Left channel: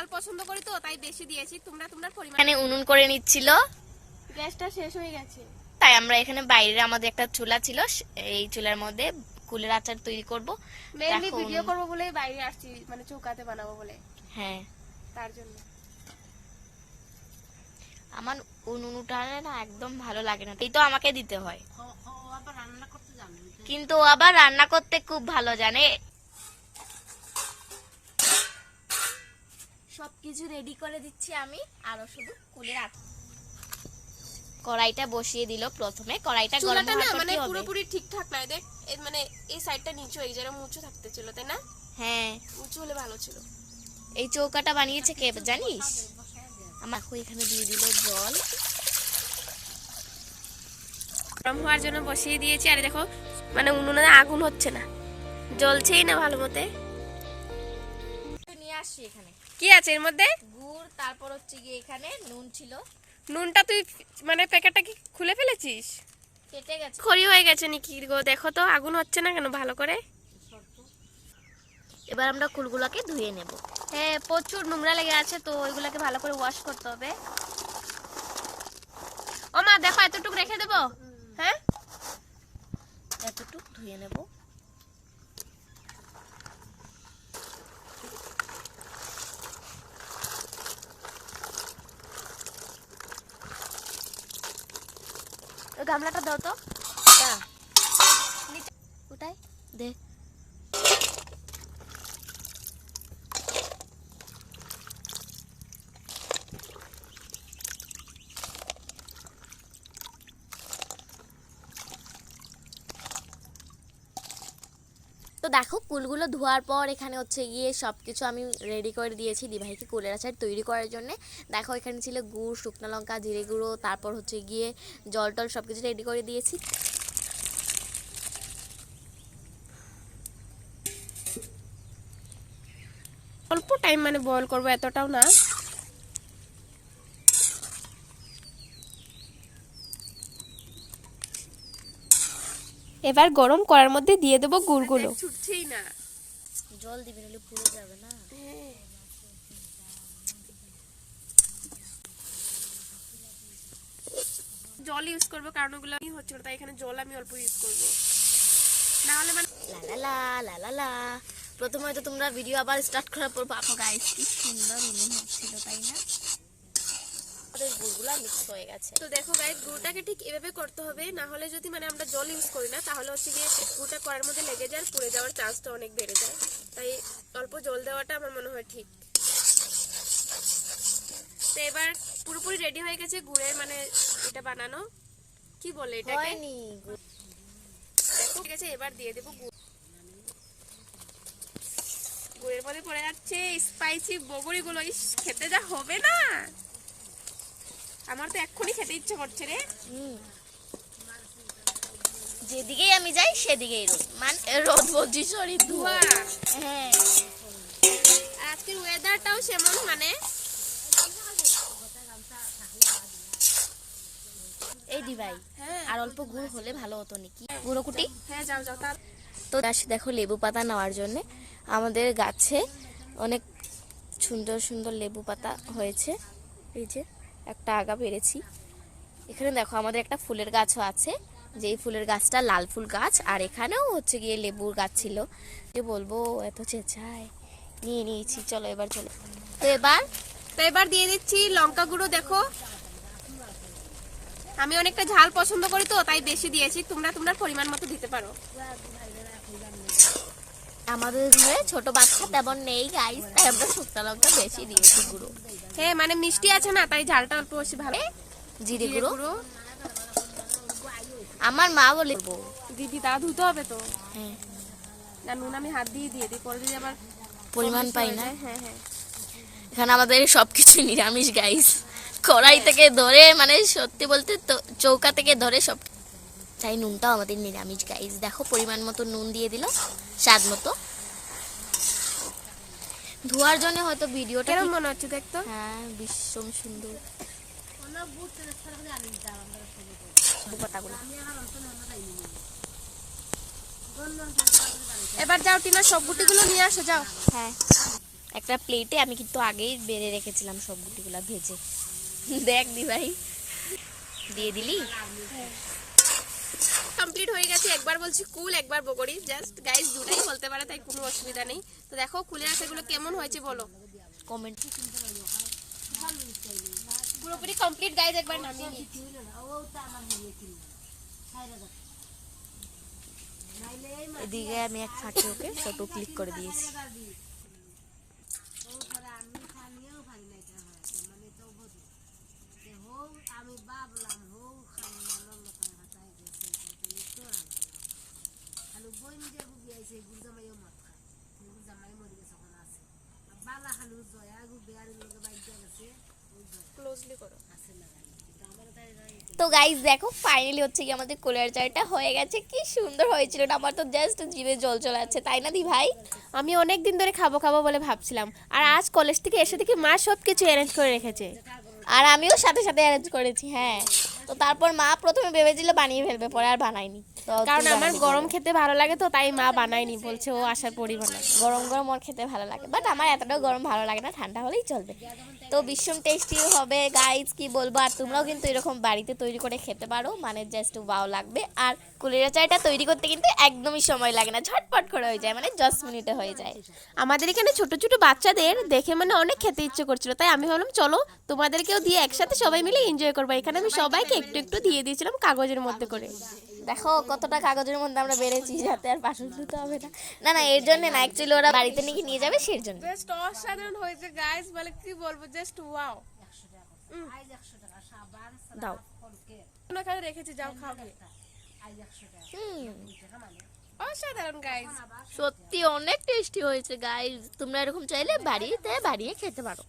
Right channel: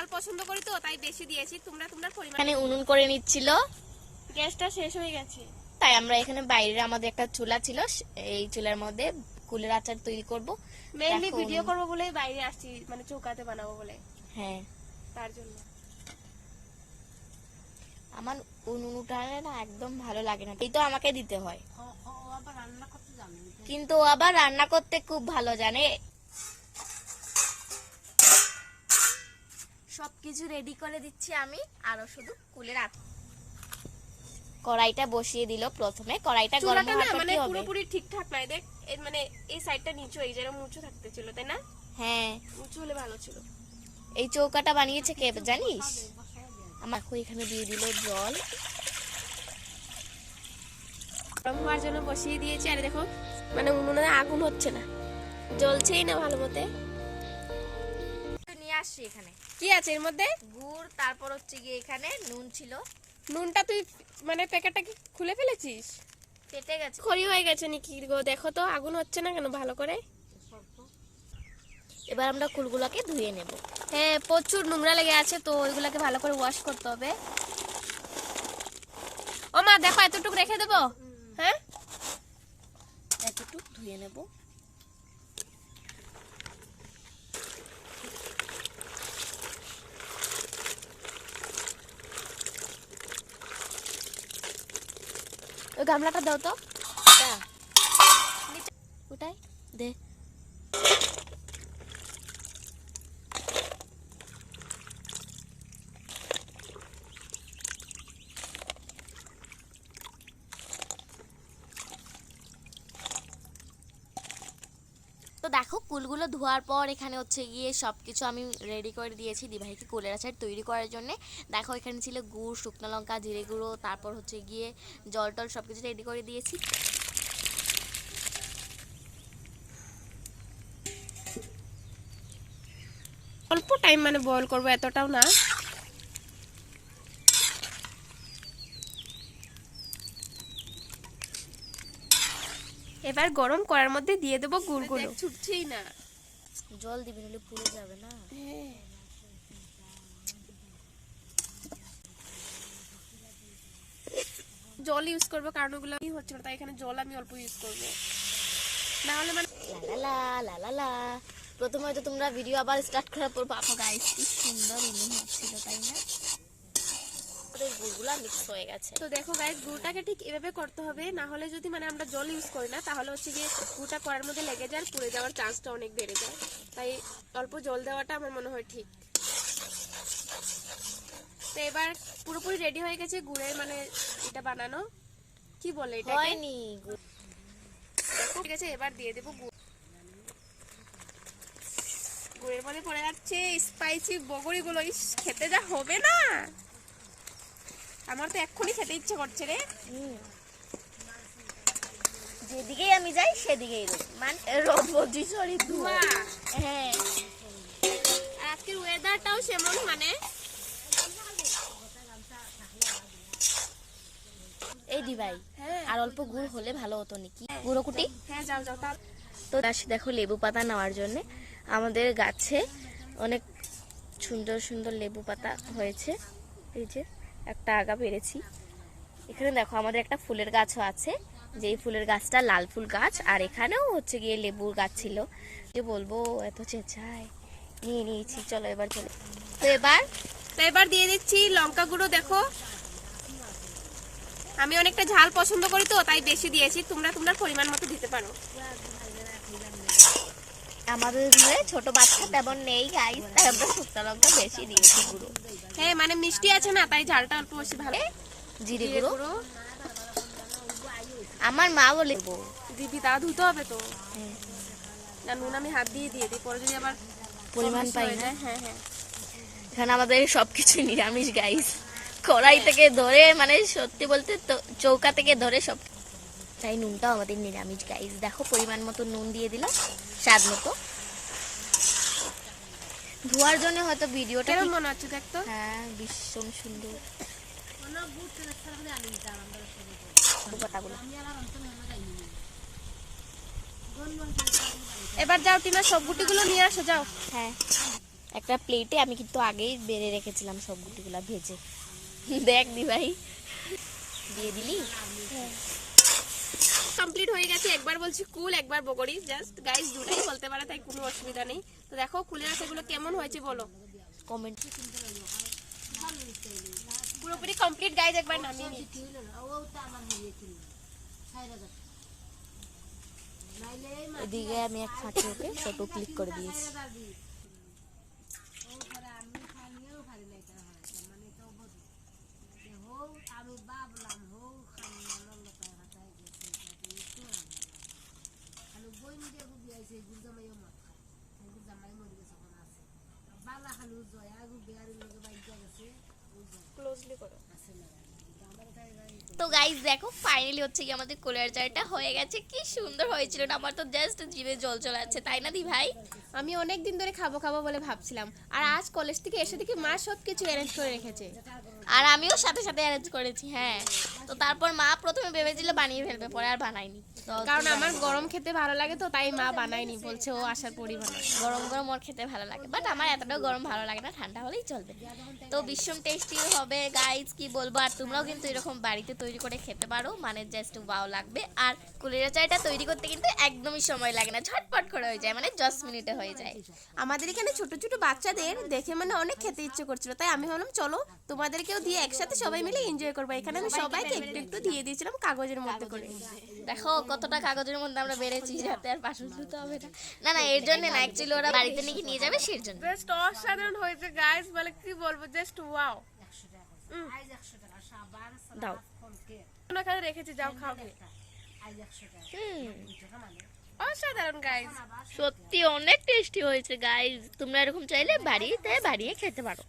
ঝাল পছন্দ করি তো তাই বেশি দিয়েছি। তোমরা তোমার পরিমাণ। এখানে উনুন করে নিচ্ছিল, গ্যাসটা শেষ হয়ে গেছে তাই আমরা এখানে বাইরে আমাদের একটা চুলা ছিল, এই চুলার মধ্যে কুলের আচার তৈরি করব। মেইনলি ভিডিও করব বলে বাইরে আসছি, মানে চৌকাতে বানাবো বলে। হ্যাঁ, তার জন্য। আমার উনুন উঠানে না একদম ভালো লাগে না, এই তো আমাকে দিতে হয়, কিন্তু ও আবার রান্না করতে খুব ভালো জানে। সবকিছু রেডি করে দিচ্ছি আমি, আরো শুধু কুলের আচার। কড়াইটা বসিয়ে দিল প্রথমে, কড়াইটা গরম হওয়ার পর কি হবে? পুরোপুরি ঠিকঠাক নাই, দেখ মানে এই সাইডটা নিচু, এই যেরকম উঁচু থাকতে ছিল, তাই না? হ্যাঁ, উঁচু হলে ভালো ছিল। এই চৌকাটা বানিয়েছে কে জানিস? আমার এখানে দিয়ে দিল জল, গরম হওয়ার জন্য বসিয়ে দিয়েছি। আর দেখো মানে উনুনে আগুন হচ্ছে না, জ্বলছেই না ভালো মতে। নিয়ে আসছি এখানে। কি আছে এর মধ্যে? গুড়, তারপর হচ্ছে গিয়ে এখানে নুন ছিল। নুনটা তুই মানে প্যাকেটটা কি খুলে ফেলেছিস? কেটে গেছে, খড়ি হয়ে গেছে নাকি গো? দেখো তো আগুন হচ্ছে না কেন ভালো করে। এবার আমরা কুলগুলোকে ধুয়ে নেব। হ্যাঁ, প্রচুর নোংরা লেগে আছে, তো ওইগুলোকে ভালো করে ওয়াশ করতে হবে। ও মা দেখো, এতটুকু রেখে দেবো? হ্যাঁ, এতটুকু ধুয়ে নেব। ওই গামলাটা দাও তো। ওটাই দে। তো দেখো কুলগুলো ধোয়ার পর এখানে হচ্ছে গিয়ে সবকিছু আমি রেডি করে দিয়েছি দিভাইকে কুলের আচার তৈরি করার জন্য। দেখো এখানে ছিল গুড়, শুকনো লঙ্কা, জিরে গুঁড়ো, তারপর হচ্ছে গিয়ে জল টল সবকিছু রেডি করে দিয়েছি। অল্প টাইম মানে বয়েল করবো, এতটাও না। এবার গরম করার মধ্যে দিয়ে দেবো গুড়গুলো। ছুটছেই না, জল দিবি নাহলে পুড়ে যাবে না। জল ইউজ করবো কারণ ওগুলো হচ্ছে না, তাই এখানে জল আমি অল্প ইউজ করবো, না হলে মানে লা লা লা লা। প্রথমে হয়তো তোমরা ভিডিও আবার স্টার্ট করার পর বাবা গাইস কি সুন্দর উনুন হচ্ছিল, তাই না? আমাদের গুড়গুলা মিক্স হয়ে গেছে। তো দেখো গাইস, গুড়টাকে ঠিক এভাবে করতে হবে, না হলে যদি মানে আমরা জল ইউজ করি না তাহলে হচ্ছে গিয়ে গুড়টা করার মধ্যে লেগে যায়, পুড়ে যাওয়ার চান্সটা অনেক বেড়ে যায়। তাই অল্প জল দেওয়াটা আমার মনে হয় ঠিক। তো এবার পুরোপুরি রেডি হয়ে গেছে গুড়ের মানে এটা বানানো, কি বলে এটা? হয়নি, দেখো ঠিক আছে, এবার দিয়ে দেবো গুড়। গুড়ের মধ্যে পড়ে যাচ্ছে স্পাইসি বগরি গুলো, খেতে যা হবে না, আমার তো এক্ষুনি খেতে ইচ্ছে করছে রে। যেদিকেই আমি যাই সেদিকেই রোদ, মানে রোদ বলছি, সরি ধোঁয়া। হ্যাঁ, আর আজকের ওয়েদারটাও সেমন, মানে এই দি ভাই আর অল্প গুড় হলে ভালো হতো নাকি? গুঁড়ো কুটি। হ্যাঁ যাও যাও। তো আসি দেখো লেবু পাতা নেওয়ার জন্য। আমাদের গাছে অনেক সুন্দর সুন্দর লেবু পাতা হয়েছে, এই যে একটা আগা পেরেছি। এখানে দেখো আমাদের একটা ফুলের গাছও আছে, যেই ফুলের গাছটা লাল ফুল গাছ, আর এখানেও হচ্ছে গিয়ে লেবুর গাছ ছিল। কি বলবো, এত চেঁচায়। নিয়ে নিয়েছি, চলো এবার চলো। তো এবার দিয়ে দিচ্ছি লঙ্কা গুঁড়ো। দেখো আমি অনেকটা ঝাল পছন্দ করি তো তাই বেশি দিয়েছি, তোমরা তোমার পরিমাণ মতো দিতে পারো। আমাদের ঘরে ছোট বাচ্চা তেমন নেই গাইস, তাই আমরা শুকনো লঙ্কা বেশি দিয়েছি গুঁড়ো। হ্যাঁ মানে মিষ্টি আছে না, তাই ঝালটা অল্প বেশি ভালো। জিরে গুঁড়ো আমার মা বলে দিদি তা ধুতে হবে তো। না নুন আমি হাত দিয়ে দিই, পরে যদি আবার পরিমাণ পাই না। হ্যাঁ হ্যাঁ, এখানে আমাদের সবকিছু নিরামিষ গাইস, কড়াই থেকে ধরে মানে সত্যি বলতে চৌকা থেকে ধরে সব, তাই নুনটাও আমাদের নিরামিষ গাইস। দেখো পরিমাণ মতো নুন দিয়ে দিল, স্বাদ মতো। ধোয়ার জন্য হয়তো ভিডিওটা কেমন মনে হচ্ছে দেখতো? হ্যাঁ ভীষণ সুন্দর পাতাগুলো। এবার যাও টিমা, সব গুটিগুলো নিয়ে আসো যাও। হ্যাঁ একটা প্লেটে আমি কিন্তু আগেই বেড়ে রেখেছিলাম সব গুটিগুলা ভেজে। দেখ দি ভাই, দিয়ে দিলি। কমপ্লিট হয়ে গেছে। একবার বলছি কুল, একবার বগড়ি, জাস্ট গাইস দুটাই বলতে পারে, তাই কোনো অসুবিধা নেই। তো দেখো কুলের আচারগুলো কেমন হয়েছে বলো কমেন্ট। পুরোপুরি কমপ্লিট গাইস, একবার নামিয়ে নিই। এদিকে আমি এক ফাঁকে ওকে ফটো ক্লিক করে দিয়েছি। ক্লোজলি করো। তো গাইস দেখো ফাইনালি হচ্ছে কি আমাদের কোলার চাটা হয়ে গেছে। কি সুন্দর হয়েছিল না? আমার তো জাস্ট জিভে জল চলে যাচ্ছে, তাই না দি ভাই? আমি অনেক দিন ধরে খাবো খাবো বলে ভাবছিলাম, আর আজ কলেজ থেকে এসে দেখি মা সব কিছু অ্যারেঞ্জ করে রেখেছে। আর আমিও সাথে সাথে অ্যারেঞ্জ করেছি। হ্যাঁ, তো তারপর মা প্রথমে ভেবেছিল বানিয়ে ফেলবে, পরে আর বানায়নি। তো কারণ তুই আমার বানিয়ে গরম খেতে ভালো লাগে, তো তাই মা বানায়নি, বলছে ও আসার পরই বানাবে। গরম গরম ওর খেতে ভালো লাগে, বাট আমার এতটাও গরম ভালো লাগে না, ঠান্ডা হলেই চলবে। তো ভীষণ টেস্টি হবে গাইজ, কি বলবো। আর তোমরাও কিন্তু এরকম বাড়িতে তৈরি করে খেতে পারো, মানে জাস্ট ওয়াও লাগবে। আর কুলের চাটা তৈরি করতে কিন্তু একদমই সময় লাগে না, ঝটপট করে হয়ে যায়, মানে 10 মিনিটে হয়ে যায়। আমাদের এখানে ছোট ছোট বাচ্চাদের দেখে মানে অনেক খেতে ইচ্ছে করছিল, তাই আমি ভাবলাম চলো তোমাদেরকেও দিয়ে একসাথে সবাই মিলে এনজয় করবো। এখানে আমি সবাইকে একটু একটু দিয়ে দিয়েছিলাম কাগজের মধ্যে করে। দেখো কতটা কাগজের মধ্যে আমরা বেড়েছি, যাতে আর বাসন ধুতে হবে না। না না, এর জন্য না, অ্যাকচুয়ালি ওরা বাড়িতে নাকি নিয়ে যাবে সেই জন্য। জাস্ট অসাধারণ হয়েছে গাইস, বলে কি বলবো, জাস্ট ওয়াও। দাও। ওখানে রেখেছি, যাও খাও গিয়ে। অসাধারণ গাইস, সত্যি অনেক টেস্টি হয়েছে গাইজ। তোমরা এরকম চাইলে বাড়িতে বানিয়ে খেতে পারো।